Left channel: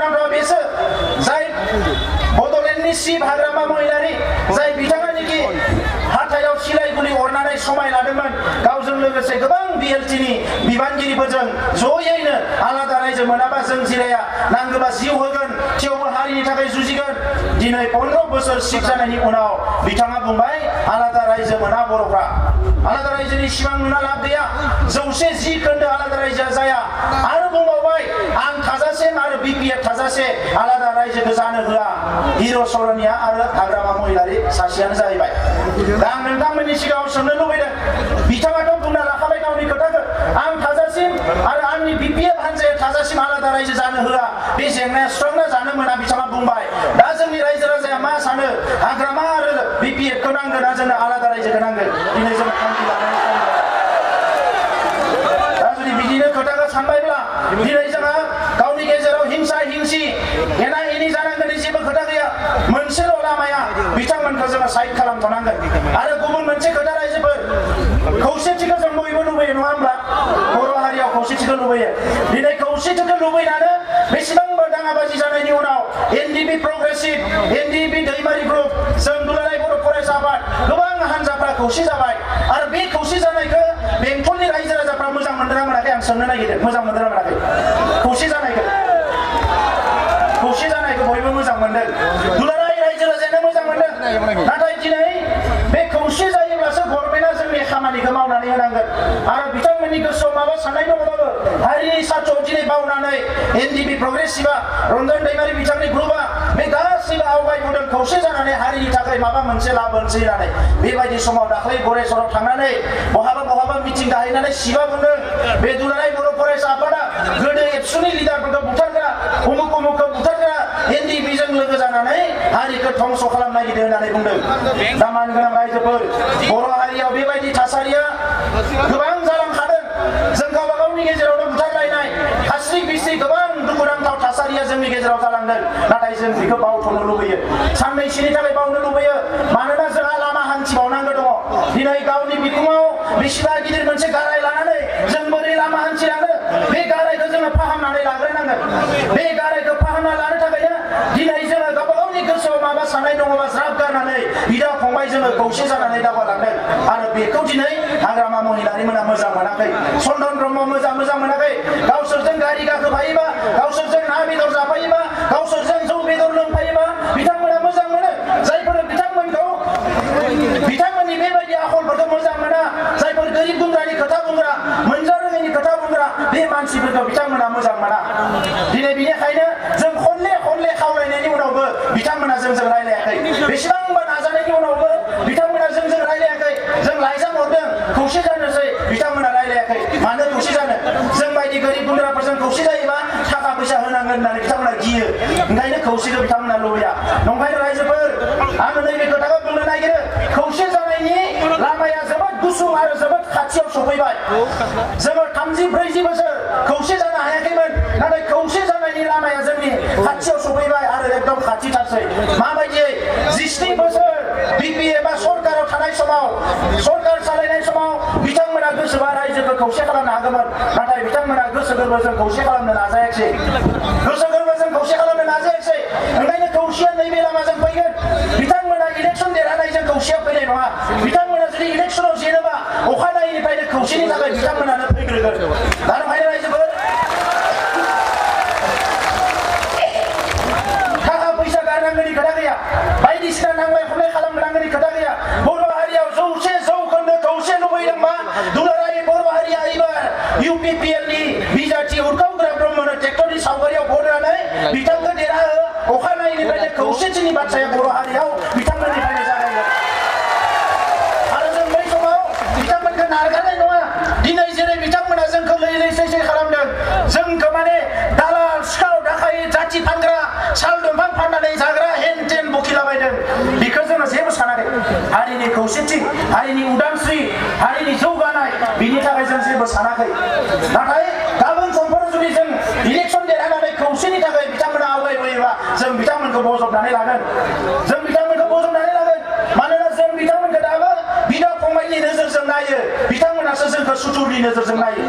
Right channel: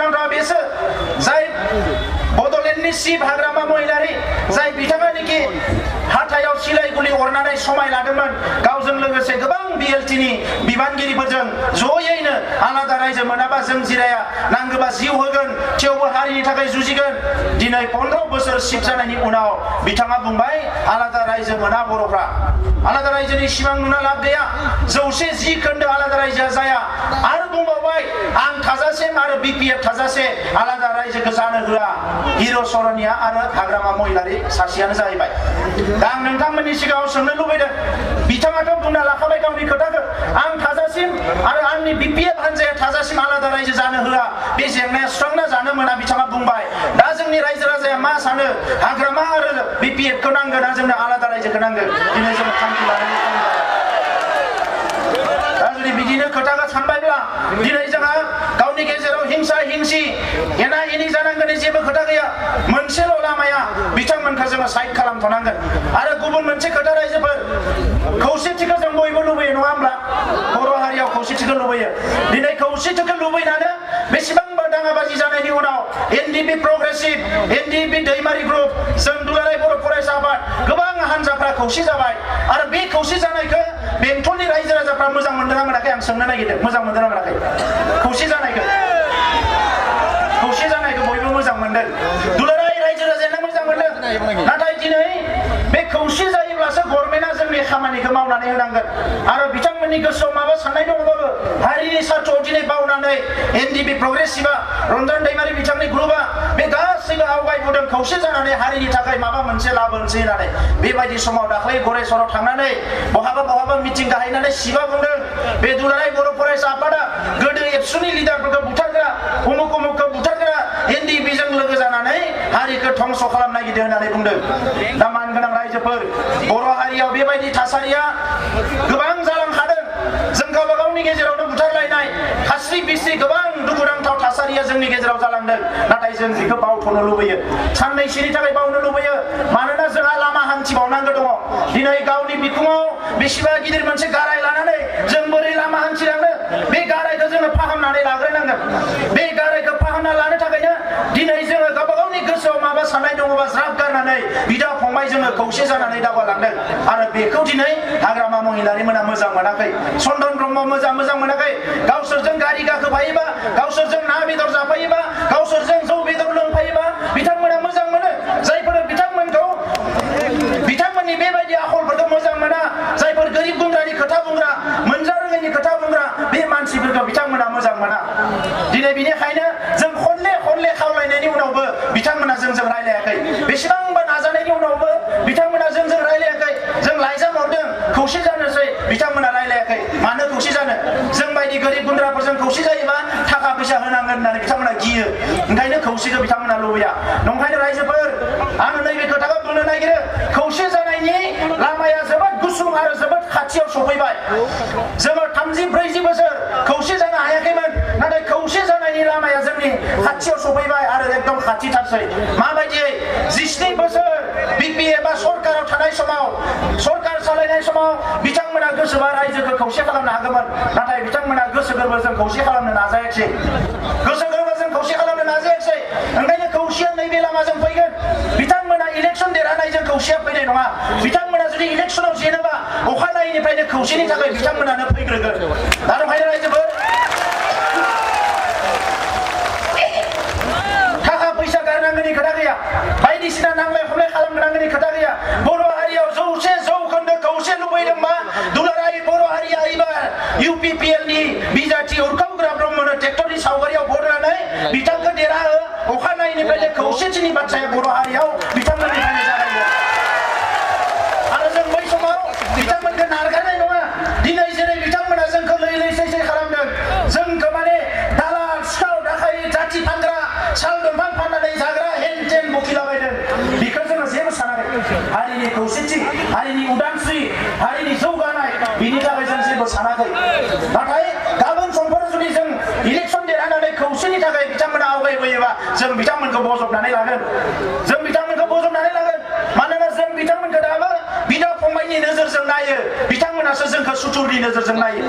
दुखुनांथाव बेसो जाय बड'लेण्डनि चिफ हाग्रामा महिलारि जाय बिथाङानोखि हाथायाव सिलाइ गुलि अरनानै समाय लादोंमोन गावजों लोगोसे गोबां BLTनि बिबानगिरिफोरजों जयैनो आलादा रायजो मोनाबा जों जिराया नांगौबा जिउ होगोन थेवबो हारिनि थाखाय जुजिगोन दिनै 15 बोसोर चिफ जानायनि उनाव बिथाङा बुंबाय आलादा रायजो मोना बर'फ्रा आलादा रायजोनि सिमां नुना लाब गैया 110 खोन्दो आलादा रायजोआ जाया आरो बुंबावबाय आं थाजासिम आरो BPF थाजासे आलादा रायजोखौ जानो होआ हिर' सरनिया आरो हाग्रामा महिलारि सासेयानो जाहैबाय दा आं नोंथांमोननि सिगाङाव सोंनो लुबैदों बिथाङाथ' बुंना लाखाबाय गावनि खोथाखौ आं थाजासिम आरो आंनि BPF हान्जाया थाजासिम आलादा रायजो जानो होआ बे जेंनाया सुस्रांना जानो मोना बिथाङा बुंबाय दा जोंनि रायजो राजाया मा सानो हाग्रामा आरो BPFखौ नांगोन ना जोंनो आलादा रायजोखौ नांगोन दिनै जों थांखि लानानै दा जुदि बिदिनो खोथाखौ सानबायब्ला दिनै जोंहा गावनि गेजेराव हिंसा हिंसि एना एनि जानांगोननि जेबो खोथा गैया मोनसेल' लामाया बिथांमोनखौ जोङो साइड खालामथ'नांगोन आरो गुबुन मोनसे खोथा रायजोफोर खौसेथिखौ जों बयबो लुबैयो नङा होमब्ला बर' हारियाव खौसेथिखौ लुबैयो दिनै खौसेथिखौ लुबैनानै बेसेबांबा दाङाबाजि जानायनि उनाव NDP प्रग्रेसिभ NDP दैमारि ग्रुप जों दुलाराय बर' फरायसा आफाद गोबां हान्जाफ्रा खौसे जाबाय आरो बे खौसे जानायखौ बेंटलनि रायजो राजाफ्रा मोजां मोनदोंना मोनाखै आं सोंनो नागिरदों मोजां मोनदोंना मोनाखै खौसे जानायखौ बयबो मोजां मोनदों दुलाराय रायजो राजायानो मोजां मोनदों नाथाय दिनै बे खौसे जायोब्लासो गभर्नमेन्टआ जोंनि खामानिखौ मावनानै होनांगोन आरो बिथांमोननि गोसोआव माबा साननाय दङबाबो हारिनि सार्थआव दिनै बावनानै NDP प्रग्रेसिभआ रन्जन दैमारि बिथांनि ग्रुपआ बे गासैबो आवगायबोदों खौसे जानानै हारिनि थाखाय माबा मोनसे लाबोनोसै होननानै बेबायदि समाव दाख्लै गरेस्वराव थांनानै बहाबा मिटिं गाहायनानै सिबा बुंदों बे दुलाराय बर' फरायसा आफादा गोदो एबसुनि लिडारफोरखौ बुथारग्रा उमुखौ बुथारग्रा NDPजों लोगो जानानै हारिखौ धंस खालामनो नागिरदों होननानै बुंदों दा मानगोनां रायजोफोर बर' हारियाव बेबायदि थासारिया गोबां जालांखादों जों गावबा गावनि गेजेरावनो बुथारलायनाय खास्रि बिस्रि गोबां दुखुनांथाव थासारिया जोंनि गेजेराव जालांदों नाथाय जों बेखौ बावथ'नो लुबैयो साननैसोनि थाखाय बावनो लुबैयो मानोना जोंहा लामा हान्थिबावनांगौ दङ दिनै गावनि बिखुङाव बेसेबा गिदिर मोनसे गाराय लानानै जों बोरै लामा हान्थिलांनो बे गारायखौ जोङो फाहामनानै लाग्रोनांगोन बे गारायखौ फाहामना लानो थाखायनो दिनै जोङो गावबा गावनि गोसोआव माबा साननाय दङबा ज्राब गारनानै बिदा फंबाय जोङो खौसे जानानै दावगालांदों आरो बेखौ दिनै हाग्रामा महिलारि मोना मोजां मोनाखै चन्दन ब्रह्म मोजां मोनाखै गावसोरजों गारि गाखोफायोबा गावसोरजों ना बेदर जाफायोबा गावसोरजों जौ बेदर लोंफायोबा बिथांमोना मोजां मोनो जायफोर बिथांमोननि बेबायदि आखलफोरखौ मोजां मोना जायफोर गोरिब गुन्द्रानि खोथा बुंग्रा मोनजा रोङैनि खोथा बुंग्रा बे मानसिफोरखौ बिथांमोना मोजां मोना दिनै बेनिखायनो जों खनले खावलायनायनि उनावबो बिथांमोना जोंजों रायलायाखै बेसेबांबा नाजानायनि उनावबो बिथांमोना जोंजों रायलायाखै जों लाइजाम हरदों खौसे जानोसै बिथांमोना रायलायाखै मानो खौसे जानो जों बायदि गोरिब गुन्द्राफोरजों खौसे जायोबा थाखा फैसा होनांगोन होननानै बिथांमोना गियो ओंखायनो खौसेखौ बिथांमोना लुबैया नंखायनो रायजोफोर आङो नैबे खोथाखौ बुंनो नागिरो खौसे जानायनि लामाया जोबोद गुसुं आरो जोबोद खाथियाव सफैबाय जोङो 30-40 बोसोर खौसे जानो हायाखैमोन नाथाय खौसे जानायनि लामाया जोंनि खाथियाव सफैबाय आरो एकदम खाथिथारसै माबायदियै 17 बोसोर BPF बा सरकाराव थानाय समाव सरकार सालायनाय समाव बिथांमोना गोसोबा रायजोखौ खौसे खालामनो हागौमोन नाथाय बिथांमोना गोसो गोरबोजों खौसे खालामनो नाजायाखै ओंखायनो खौसेया नैबे लामाजों फैगोन बिथांमोना इलेक्सन देरहानायजों खौसेया फैनाय नङा बिथांमोना जुदि इलेक्सनाव जेनोबा अखानायैनिफ्रायनो खौसेनि थाखाय बिथांमोनानो फैग्रोगोन दा ओंखायनो रायजोफोर थाखा फैसा गारनांगौनि खोथा गैया बायदिसिना नांलाय खमलाय खालामनांगौनि खोथा गैया बर' हारियाव 100% खौसे लुबैदोंबा दुलाराय बर' हारिया एबार UPPLनि बिजाथि उरखावग्रा ब्रह्मनो ट्रेक्टरनि सावगारियाव बरनानै बिथांखौ देरहाहो अखानायैनिफ्रायनो खौसेथिनि बाथ्राया बर' हारियाव बिथांमोननिफ्रायनो जागायगोन आरो जों बै समाव बिथांमोनखौ नारगारनाय नङा दिनै जेरै बिथांमोना जोंखौ लै सै खालामदों जोंखौ माने दालाल सिखाव दाखायि जाथि फानग्रा साल दंफां फाननानै जाग्रा हेन टेन बखिलाबायदों बेखौ जोङो जेबो सानाखै हारिनि खौसेथि हारिनि उदांस्रि हारिनि जौगानाय बिनि थाखाय जों जेबो सानाखै नाथाय गाबोन समफोर जुदि जों इलेक्सन देरहानानै खौसेनि थाखाय बिथांमोना आवगायबोयोबा जों बिथांमोनखौ बजबनानै लागोन मानोना जों बिथांमोनखौ दाबो बिदा फंबायनि नोजोरजों नायो बिथांमोनासो जोंखौ सुथुरनि नोजोरजों नायो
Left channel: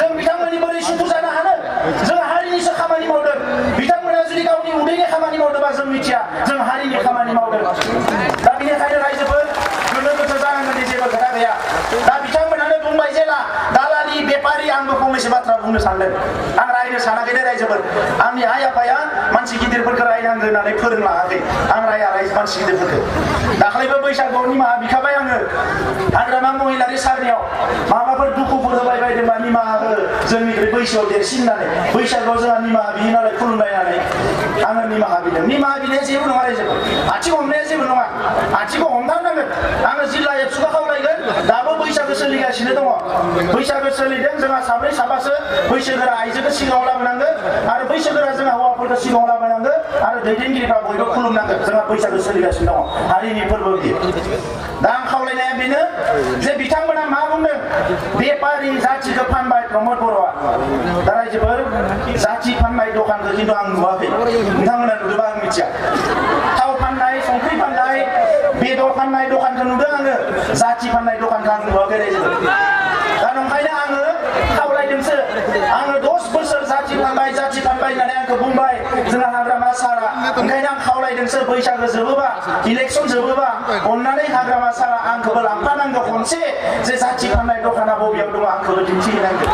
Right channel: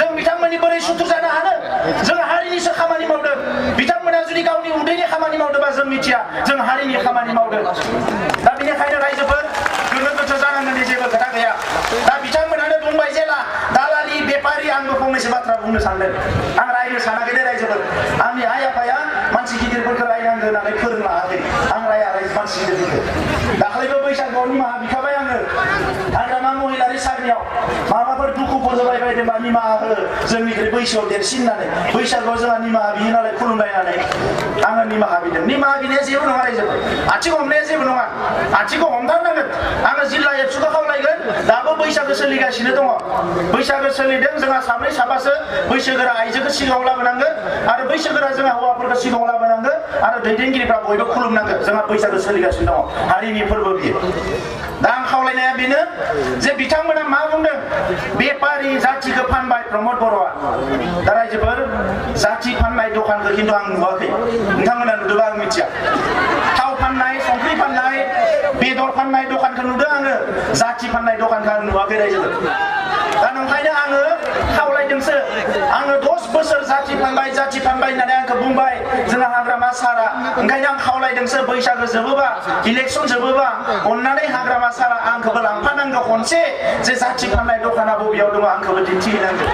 जों बिथांमोननि बोरै सुथुर जानो हानो जों हारिनिसो खामानि मावदों बिथांमोना जुदि जों हारिनि खामानि मावदों दा बेनिखायनो रायजोफोर गोनो गोथो जानांगोननि जेबो खोथा गैया दा बिथांमोनानो बुंबाय जेला दालालि बेपारि आंबो फंनैसो बाथ्रा बुंनो सानदों आं रायनो सानाखै दे रायजोफोर आंनि आइ आफाया मानसि गिदिरफोरखौ रायनांगौ होननानै फोरोंलाङाखै आं राया मानसि गिदिरफोरखौ दाख्लैबो बैसागुआव निमाहा बिखाबाय आङो हाग्रामा महिलारि सारनियाव माबाफोर दुखुफोर होबाय बायदोंबा निमाहा हो जोंनिख्रुइ बैसोआव देरसिन होननानै बैसागुआव जोंहा निमाहा बियो नालाय खुलुमलायनानै आङो निमाहा बिदों निमाहा बिनाया जेबो नङा रायजोफोर आथिं हमनाया जेबो नङा आथिंखौ हमथारनांगोन आङो जिल्ला एबसुखौ खावलायगोन दाबो बैसागो सोलिगासिनो दङ बैसागो सोलिदों जोंहा साब्रै साबासो बैसोगोरा आइजोखौ सिगाङाव लाबोनांगोन आरो बैसोगोरा जोंहा हौवाफोरखौ सिगाङाव लाबोनांगोन आरो दैदेनगिरिफ्रा बयबो खुलुमनांगोन जोंहा बैसागो सोलिगासिनो दङ हारिनि फोरबो बियो दा आं खावलायनाया बेनो जे बिथांमोना मा बुंदों बेपारि जाथिखौ फानबाय प्रमद बर'आ दा रायजोफोर जाथि फाननाय दखानखौ खिन्थु आं नुवाखै नोंथांमोना नुदोंबा आं मिथिया थाव फाननाय संख्रि फाननाय बेदर फाननाय दखानखौ नुदों आङो जाथि फाननाय दखानखौ आं नुवाखै रायजोफोर दा नंखायनो आङो खावलायदोंसो आङो 10 बोसोर जाथि फानबाय होननानै आंखौ बुंबाय जोंहा हाग्रामा सारा ओंखायनो आं खावलायदोंसो बैसागो जोबोबा इलेक्सन जोबोबा अननानै हाग्रामा सारा आंखौबो लांफानांगौ खनसे जे जाथि फाननाय दखाना बबेयाव दङ आंखौबो दिन्थिहैनांगौ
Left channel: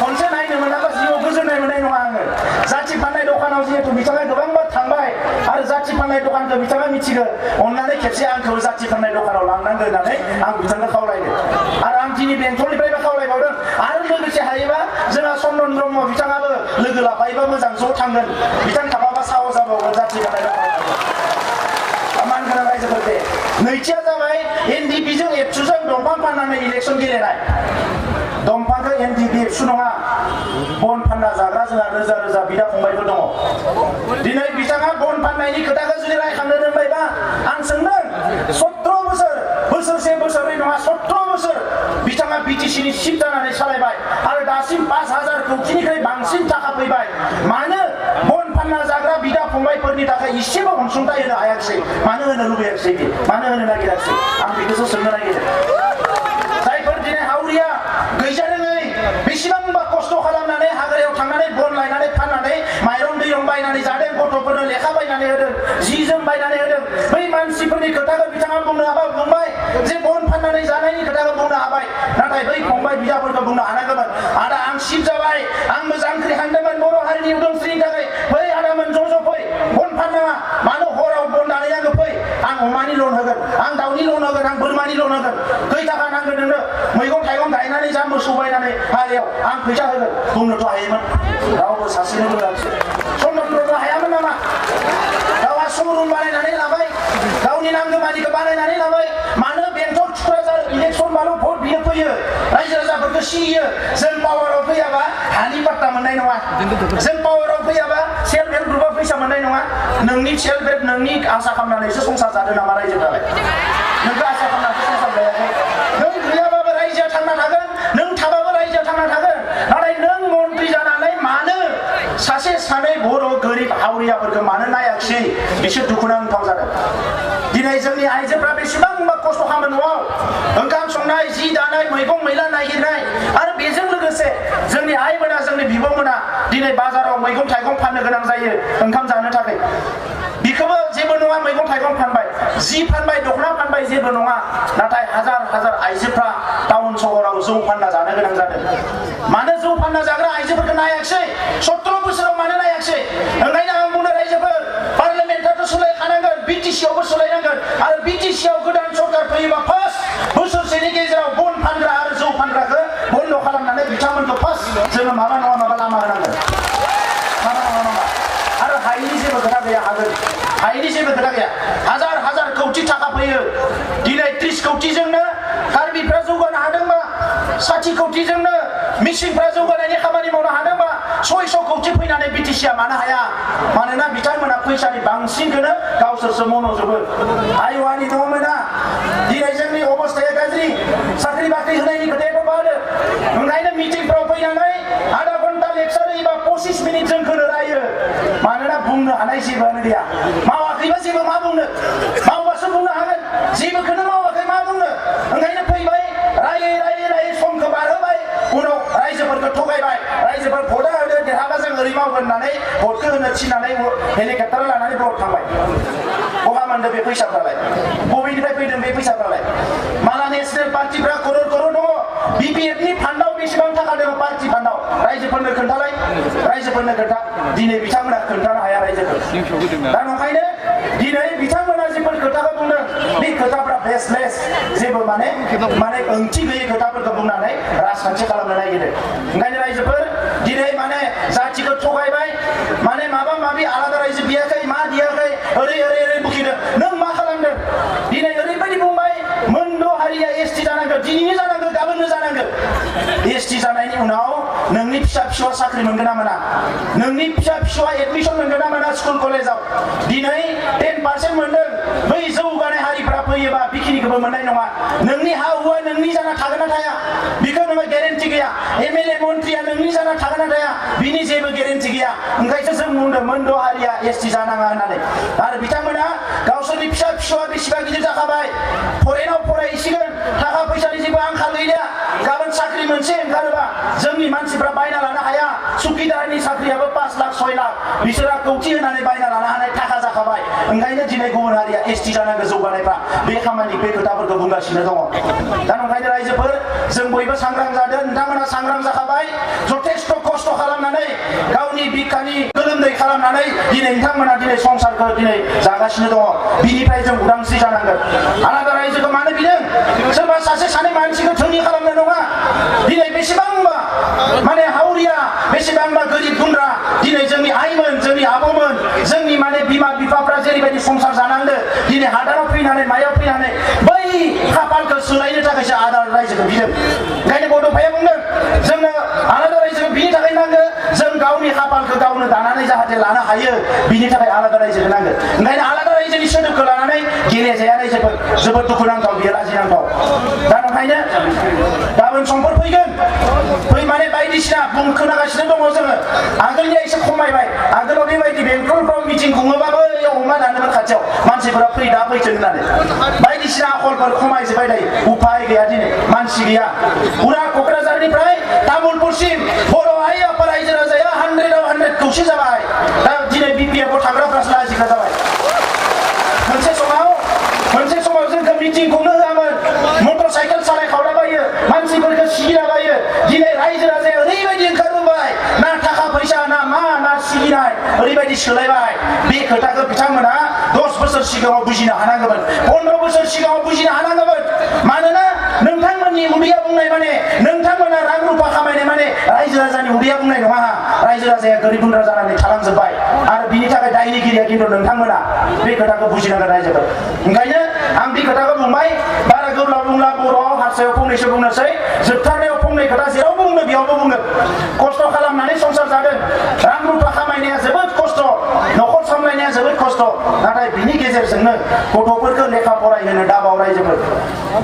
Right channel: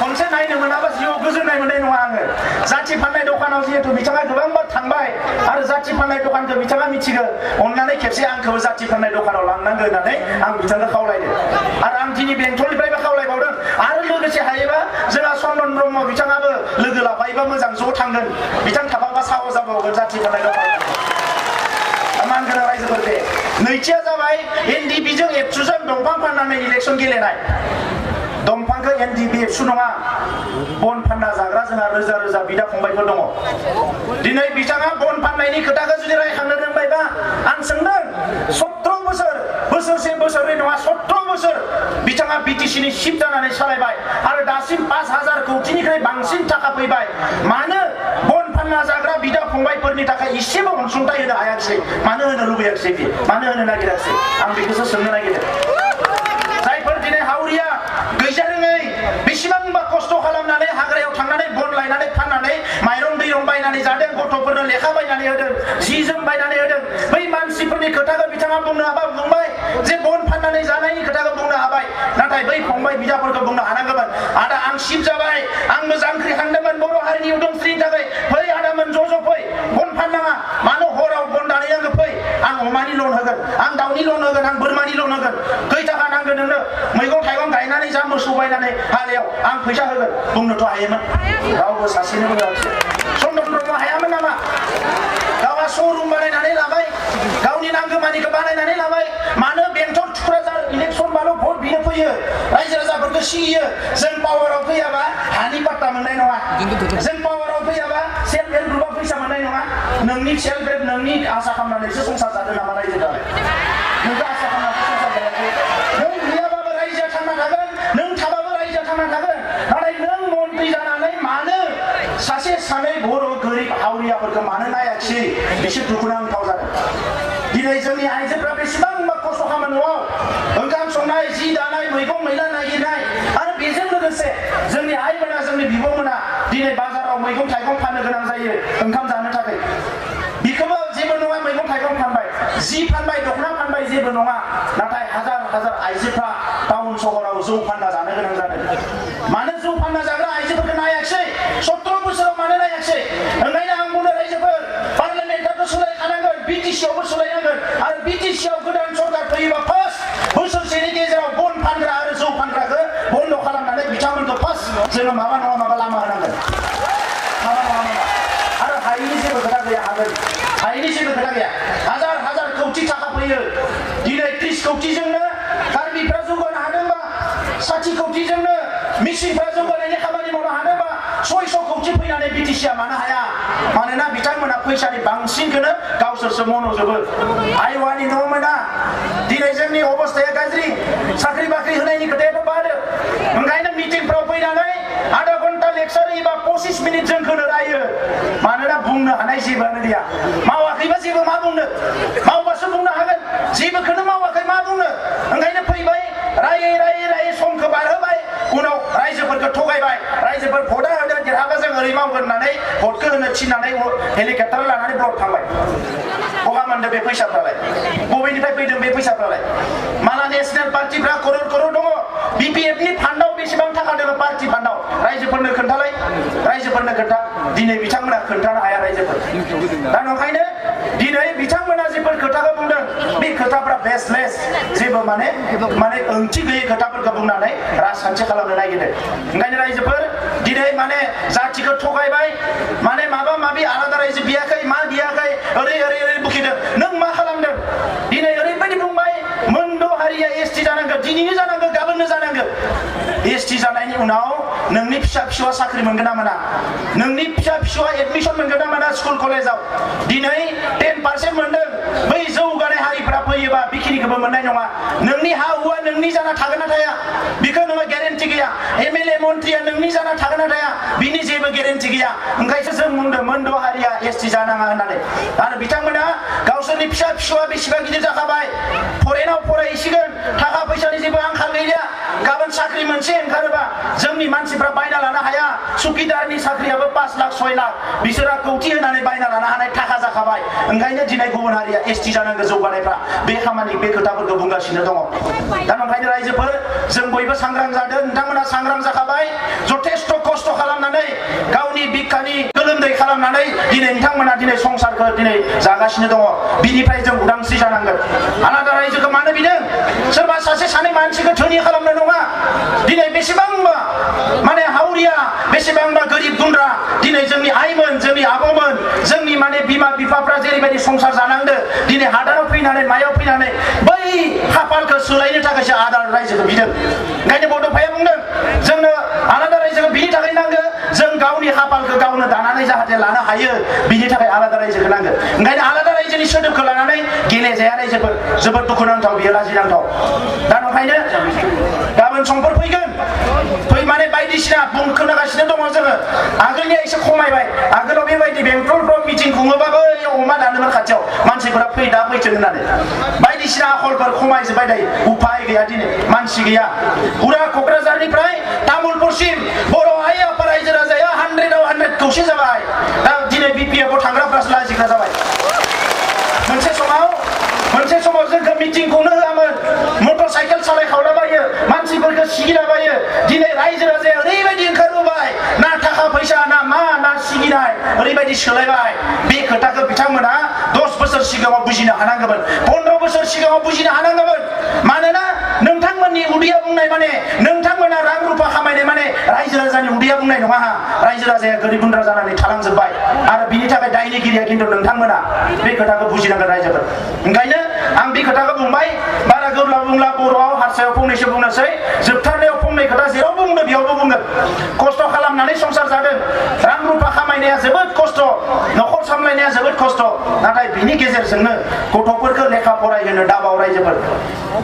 खनसे नायनो मोनाबा जिउआव गोजोननाय मोननाय नङा आङो जाथि फाननाय दखानाव जिहेतु बिथाङा गोबां बार थांबाय आरो जाथि फाननाय दखानखौ बिथाङा मिथिगौ अननानै खेबसे आंखौ जाथि फाननाय दखानाव लांनांगौ होननानै आं बिथांखौ खावलायदों आरो आं दिनै बेंटलनिफ्रायबो खावलायबावदों आरो लोगोसे हायोबा जोंहा चन्दन ब्रह्म बिथाङाबो लोगो लाफायोबा मोजां ज' थांगोन बिथां थाफाबा साहस जाबावगोन जाथि फाननाय दखानाव मानगोनां रायजोफोरखौ नैथिया जाबाय एनडिपिजों एबसुजों दंफां फाननानै इलेक्सन गेलेनाय दंफांखौ एनडिपि एबसु नङा बन फानना जाग्रा जोंहा रोजा रोजा बिदा फंबायफोर दङ दिनै बिथाङा बन फाननायनि खोथाखौ जुदि रायखांनो रोंबायबा आं सोंदों 17 बोसोर बोसोरसे बोसोरनै नङा 17 बोसोर बिथाङा बिटिसिनि चिफ जानानै सालायबाय आरो दासिम 5,000 कौटिनिफ्राय बांसिन थाखा फैबाय मानो बन फानना जाग्रा बिदा फंबायफोरनि थाखाय इसेबो अनसुंथाइ होनो हायाखिसै मानो होनो लुबैयाखिसै मानो होनो नागिराखिसै आं बेखौसो सोंनो नागिरदों जायफोर दिनै हावरिया गैजा रोङै बेसेबांबा खस्थ' खालामनानै हाग्रायाव थांनानै बन लायनानै फाननानै माइरं दैरं बायनानै जादों गथ'फोरनो लेखा बायनानै होदों जि जोम बायनानै होदों बै मानसिफोरनि खोथाखौ बिथाङा बुंनो हाबा बुंबाय जे बन फाननानै जानायनि खोथाखौ बुंनो हाबाय नाथाय बै फंबाय बिदाफोरखौ बुंनो हानांगौमोन आदा आं सिप जाबाय आंबो जांख्रिखांदोंमोन बर' हारिनि उदांस्रिनि थाखाय फै आदामोन ज' फै बन फाननाङा मानो हराव बन दानहैनांगौ फै आं अमानि लन होगोन आं दाउनि लन होगोन आं बोरमानि लन होगोन खै थाखा नांगोन नोंनो मैगं थाइगं गायनानै जा मोसौ बायनानै हालेव आं फैसा होगोन बुंनोथ' हायोमोन रावबो सासेनो बुङाखिसै चन्दन ब्रह्म हायामोन नामा गावहा श'रुम बानायनानै लाबाय गावनि नांगौ मानिखौ बानायनानै लाबाय मानो बेंटल थुक्राझार इलेक्सन मानो भट बिनो फैयो रायजो राजाफोरखौ सिगियो जों पावाराव फैयाबा हानि पाट्टा मोननाय नङा जों पावाराव फैयाबा सेल्फ हेल्प ग्रुपआ फैसा मोननाय नङा नोंनि सेल्फ हेल्प नोंनि आसा खालामनानैसो संसार जादों नामा रायजोफोरा नोंखौ आसा खालामनानैसो संसार जायाखै नों गैयाबाबो रायजोआ थांना थागोन नों थाबाबो रायजोआ थांना थागोन नाथाय नों मन्त्रि जानानै मानो सासे सानै बर' गोरिब हावरियाफोरखौ मानो नायाखिसै बिसोर दुखुनांथाव जादों दिनै जोंनि आइजोफ्रा बेसेबांबा खस्थ' खालामो न'आव ओंखाम संनाय जि दानाय मैगं मैला नागिरनाय आरो बेजों लोगोसे जोंनि आइमोना जोंनि बिब'मोना दिनै बाजाराव मैगं थाइगं फाननो गोनां जायो ओंखाम जानो थाखाय बिखौबो जेबो नङा मैगं थाइगं फानबाय जि फानबाय दख'ना फानबाय जेबो नङा नाथाय हाजार हाजार आइजोफ्रा टाउन सहराव जौ फानना जानो गोनां जादों मानो जौ फानना जाग्रा आइजोफोरखौ नायाखिसै 17 बोसोराव मानो नायाखिसै ओंखायनो आं बुंनो रायजोफोर पार्लियामेन्टआथ' सोलायखानांगोन बिटिसिआवबो सोलायनांगोन आरो बिटिसिआव गोदान सरकार फैयोबा फार्स्ट बोसोरसेनि गेजेराव बन फानग्रा आरो जौ फानग्राखौ बन्द' खालामनानै बिथांमोनखौ फार्स्ट जोङो माबा नङा माबा लामा होनांगोन माबा नङा माबा आरो हायैनि जेबो खोथा गैया हागोन हायैनि जेबो खोथा गैया हाजार हाजार कौटि थाखा फैयो दिनै 30 कौटिजोंनो कार्बिफ्रा जौगानो हादोंबा 60 कौटिजोंनो मिसिनफ्रा जौगानायनि खामानि मावनो हादोंबा 600 कौटि फैनानै बिटिसिआ मानो हाया मानोना बिथांमोना फैसानि बांसिनखौनो गावसोरसो मन'जोबो आइवानि न' मोना दिनै जोंनि अबस्थाया गाज्रि साख्रि बाख्रि होनायनि खोथायाथ' बादो ओंखायनो मिटिंफ्राव फैनानै आधा घन्टा लेक्सार होयोबा 25 मिनिट जोंखौनो रायो मानोना बुंनो हानाय जेबोआनो गैया मावाखैबा जेबो मा बुंनो मावबासो बुंनो हागोन जेबोखौनो मावाखै मा बुंनो ओंखायनो फैबाय रायै समखौ बारहोबाय उनाव रायजोफोरखौ थगायबाय रायजोफोर भटआ होदो देरहाबा जों ओरै मावगोन होननानै भटखौ होनो थिननानै हेलिकप्टार लानानै ब्लक थांबाय बहा मोनदों बे फैसाफ्रालाय बबेनिफ्राय फैदों बे फैसाफ्रालाय माला नेशनेल पार्टिफ्रा करर करर दङ बिपिएफनि फान्डआव बेसेबां थाखा दङ पार्टि फान्डआव रायजोफोरनो खोन्थालाय रायजोफोरनो खोन्था दिनै बिथांमोना खोन्थानो हाया रायजोफोर दा नंखायनो दिनै बिथांमोना जेफोर खोथाखौ बुंदों बे खोथाफ्रा बेसलेस जेबो माने ओंथि गैयै खोथाफोरखौ बुंनानै राजखान्थि खालामनो नागिरदों ओंखायनो रायजोफोर दिनै माने जाथिखौ थगायबाय माने माबा माबि आलादा रायजो बियाखै मा दियाखै ओरै ओरै ओरै बुखिदों नों मा खालामदों दिनै ओरैबायदि बुंबाय मोनद' हारिया एसटि जानांगोन दिनैनो जानांगोन गाबोननो जानांगोन एसटि जानायनि उनाव नोंनि फिसा फिसौआ साख्रि मोनगोन ना मोना नोंनि फिसा फिसौआ एडमिसन मोनगोन ना मोना स्कुल कलेजाव दिनै 10% मोनदों बै जौगानाय हारिफ्रा फैयोबा बेखिनिखौबो मोननाय नङा नोंनि हा हुआ नोंनि जाना थागोन ना थाया बेखौ नोङो ग्यारेन्टि गैया एमएलए मन्त्रिया नोंनि जाना थागोन ना थाया बिनि जेबो ग्यारेन्टि गैया ओंखायसो जों बुंदों मोनद' हारिया एसटि जानाङा होननानै आरो बिथांमोना गावसोरनि फिसा फिसौआ बेसेबां गिदिर जाखाबाय फरेनाव फरायहैसिगोन थाखा फैसानि जेबो आंखाल गैला गाबोन साख्रि मोनसे ओंखारोबा जोंनि मानसिफ्रा बायना लानो हाया सुकिदारनि साख्रियाबो 5 लाख 6 लाख बिसोरा कौटि होनानै बायना लानो हानाय थाखा जाखाबाय ओंखायनो दिनै गुबुन हारिया एसटि जानांगौ जौगानायफ्रा बे खामानि बे खोथाफोरखौ बुंगासिनो दङ दा ओंखायनो रायजोफोर जों बयबो सांग्रां जादों नोंथांमोना सांग्रां जाखाबाय जथेस्थ' खस्थ' खालामनानै गावनि बिखानि गोलोमदै खालामनानै दिनै नोंथांमोना दिनै संसारखौ दिनै जागासिनो दङ बिनिफ्राय जों उदांस्रि जानांगोन आलादा रायजोखौ मानो बिदों सोरबा सासे सानै मानसिखौ धोनि खालामनो नङा दिनै बेसेबांबा माने हावरिया बेसेबांबा गोरिब गुन्द्रा दिनै जोंनि आइमोन जोंनि आबौमोन जोंनि माने बिमा बिफाफ्रा जेरैबायदि संसार जानांदों दिनै हादाराव फैनानै मायाव फैनानै बै खाफालखौ सोलायनो थाखायसो आलादा रायजोखौ बिदों ओंखायनो बड'फाया बुंदों जोंनो आलादा रायजोखौ बिनि थाखाय नांगौ जों गावनि खाफालखौ गावनो दानानै जाहाथे लानो हायो बिनि थाखाय आलादा रायजोखौ नांगौ ओंखायनो आलादा रायजोनि सोदोबखौ लानानै गेलेजाया रायजोफोर जोबोद दुखुनांथाव बियो लाजिनांथाव दा ओंखायनो गाबोन समफोर फैगोन माने बायदिसिना खोनागासिनो दङ जोङो आगोलनिया एसे खमायबाय आगोलाव बेबायदि बेंटलफ्राव मिटिं खुङोबाबो अमा दानोमोन खाथियाव मानसिफोरा फै दा फैथों होननानै बायदिसिना आखलफोर खमायजोब्बाय दायो उफाय गैया दिनै मानसि गैया उरा क'क्राझारनिफ्राय तामुलपुरसिम बर' हारि आफा रायजो राजाया 100आव 100 खौसे जाबाय दा दिनै बिपिएफआव थांग्राफ्रासो लाजिग्रा जाबाय मोनसे समाव जोंखौ मिटिं खुंनो होआमोन मटर साइकेल सालायखावलाबायो मानसिफोरखौ सिगिलाबायो दिनै रायजो राजाया ओरैबायदि ओंखारबोबाय ना थाखा फैसा ना मा ना सिगिनाय ओरैबायदि सोलायबाय बे खोथाखौ बिथांमोना 10 बोसोर सिगाङाव बुजिनो हानांगौमोन 15 बोसोर सिगाङाव बुजिनो हानांगौमोन मानोना नोंथांमोननि उदैया बुंनाय माने नोंथांमोना रां रुफा खामायनाय माने रायजो राजानि उदैया बुंनाय नङा रायजो राजाया गोरिब गुन्द्रा जानानै थालांजोब्बाय आरो बिनि थाखाय दायनिगिरिया खिन्थु नोंथांमोना बे खोथाखौ बुजिनांगोन रायजोफोर ओंखायनो आं बे खोथाखौ बुंबाय बारा गोब्राब बुंला बर'आव हारसायाव फंनैसो बुंनोसै जोबथारनायाव फंनै खोथा जेराव बुंनो बेयावबो बुंगोन खस्थ' खालामनानै संसार जादों रां रुफा खामायनाया जोबोद खस्थ' न'खर सामलायनाया जोबोद खस्थ' नाथाय बिनि गेजेरजोंनो गथ'फोरखौ लेखा फरायहोनो दाबाव रायजोफोर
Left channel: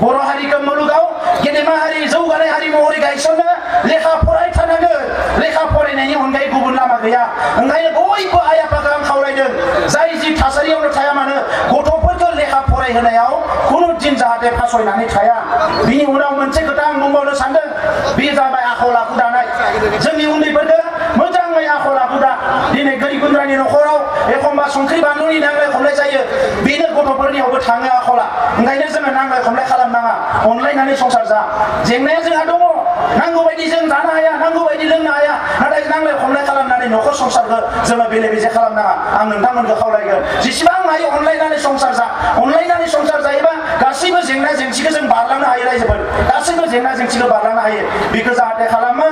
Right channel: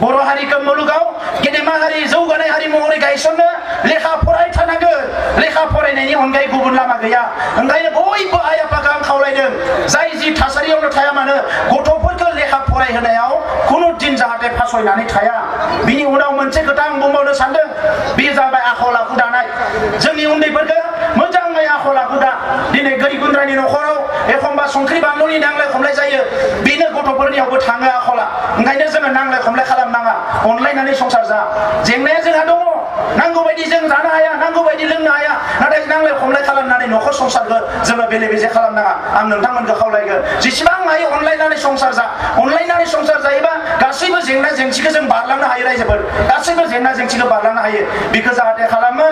बर' हारिखौ मुलुगाव गेदेमा हारि जौगानाय हारि महरै गायसननो लेखा फरायथारनांगोन लेखा फरायनायनि अनगायै गुबुन लामा गैया ओंखायनो बयबो आइ आफाखौ आं खावलायदों जाय जि थासारियावनो थाया मानो गथ'फोरखौ लेखा फरायहोनायाव खुनु दिन जाहाथे फासयनानै थाया बिनि उनाव मोनसे खोथा आं बुंबावनो सानदों बे जाबाय आखल आखु दानाय जोंनि उन्दैफोरखौ मोजाङै आखल आखु दा दिनै गोरिब गुन्द्रानि न'खराव एखमबा संख्रि बानलुनि नांलाय खमलाय जायो बेनो गथ'फोरनियावबो थाङो आखला ओंखायनो जोङो नांलाय खमलाय खालामनाङा अनलायनानै संसार जा जेंनाया जोंहा दङ नांगौ बायदि जों जानो हाया नांगौ बायदि लोंनो हाया नाथाय नांलाय खमलाय खालामनानै न'खर संसारखौ जोङो बेले बेजे खालामनाङा आं नोंथांमोनखौ खावलायगोन जेसेबां हायो अनलायनानै संसार जा अनलायनानै संसार जायोबा गासैबो जेंना जेंसिखौ जों बारलांनो हायो रायजोफोर गासैबो जेंना जेंसिखौ बारलांनो हायो बेखौ जाहाथे खालामो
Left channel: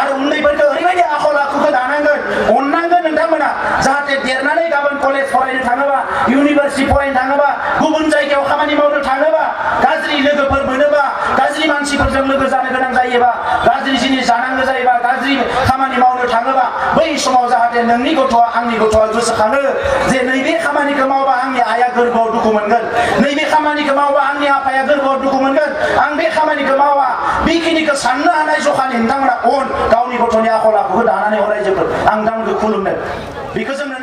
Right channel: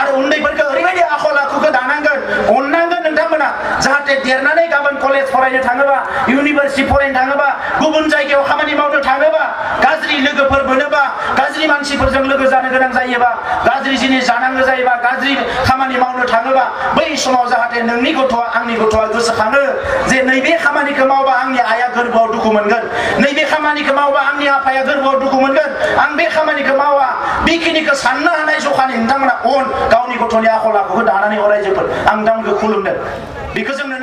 आरो उन्दैफोरखौ ओरैबायदि आखल आखुखौ दानांगोन अननांगोन नोंथांमोना जाहाथे देरनानै गाबोन कलेज फरायनो थाङोबा इउनिभार्सिटि फरायनो थाङोबा गुबुन जायगायाव खामानि मावनो थाङोबा गाज्रि लोगोफोर मोनोबा गाज्रि मानसिफोरजों लोगो जानो गोनां जायोबा गाज्रि जिनिस जानांगौ जायोबा गाज्रि खामानि मावनो थाङोबा बै समाव जाहाथे नोंनि गथ'आ आंनि गथ'आ गोसोखाङो जे नैबे खामानिखौ मावबा आंनि आइया गोरबोआव दुखु मोनगोन नैबे खामानिखौ मावबा आंनि आफाया गोरबोआव दुखु मोनगोन आं बे खामानिखौ मावा बेखिनिखौ साननो हानाय जखानि नोंथांमोना गावनि गथ'नि आखल आखुखौ दानानै अरायजोफोर आं नोंथांमोनखौ खुलुमदों बेखौ जोंनो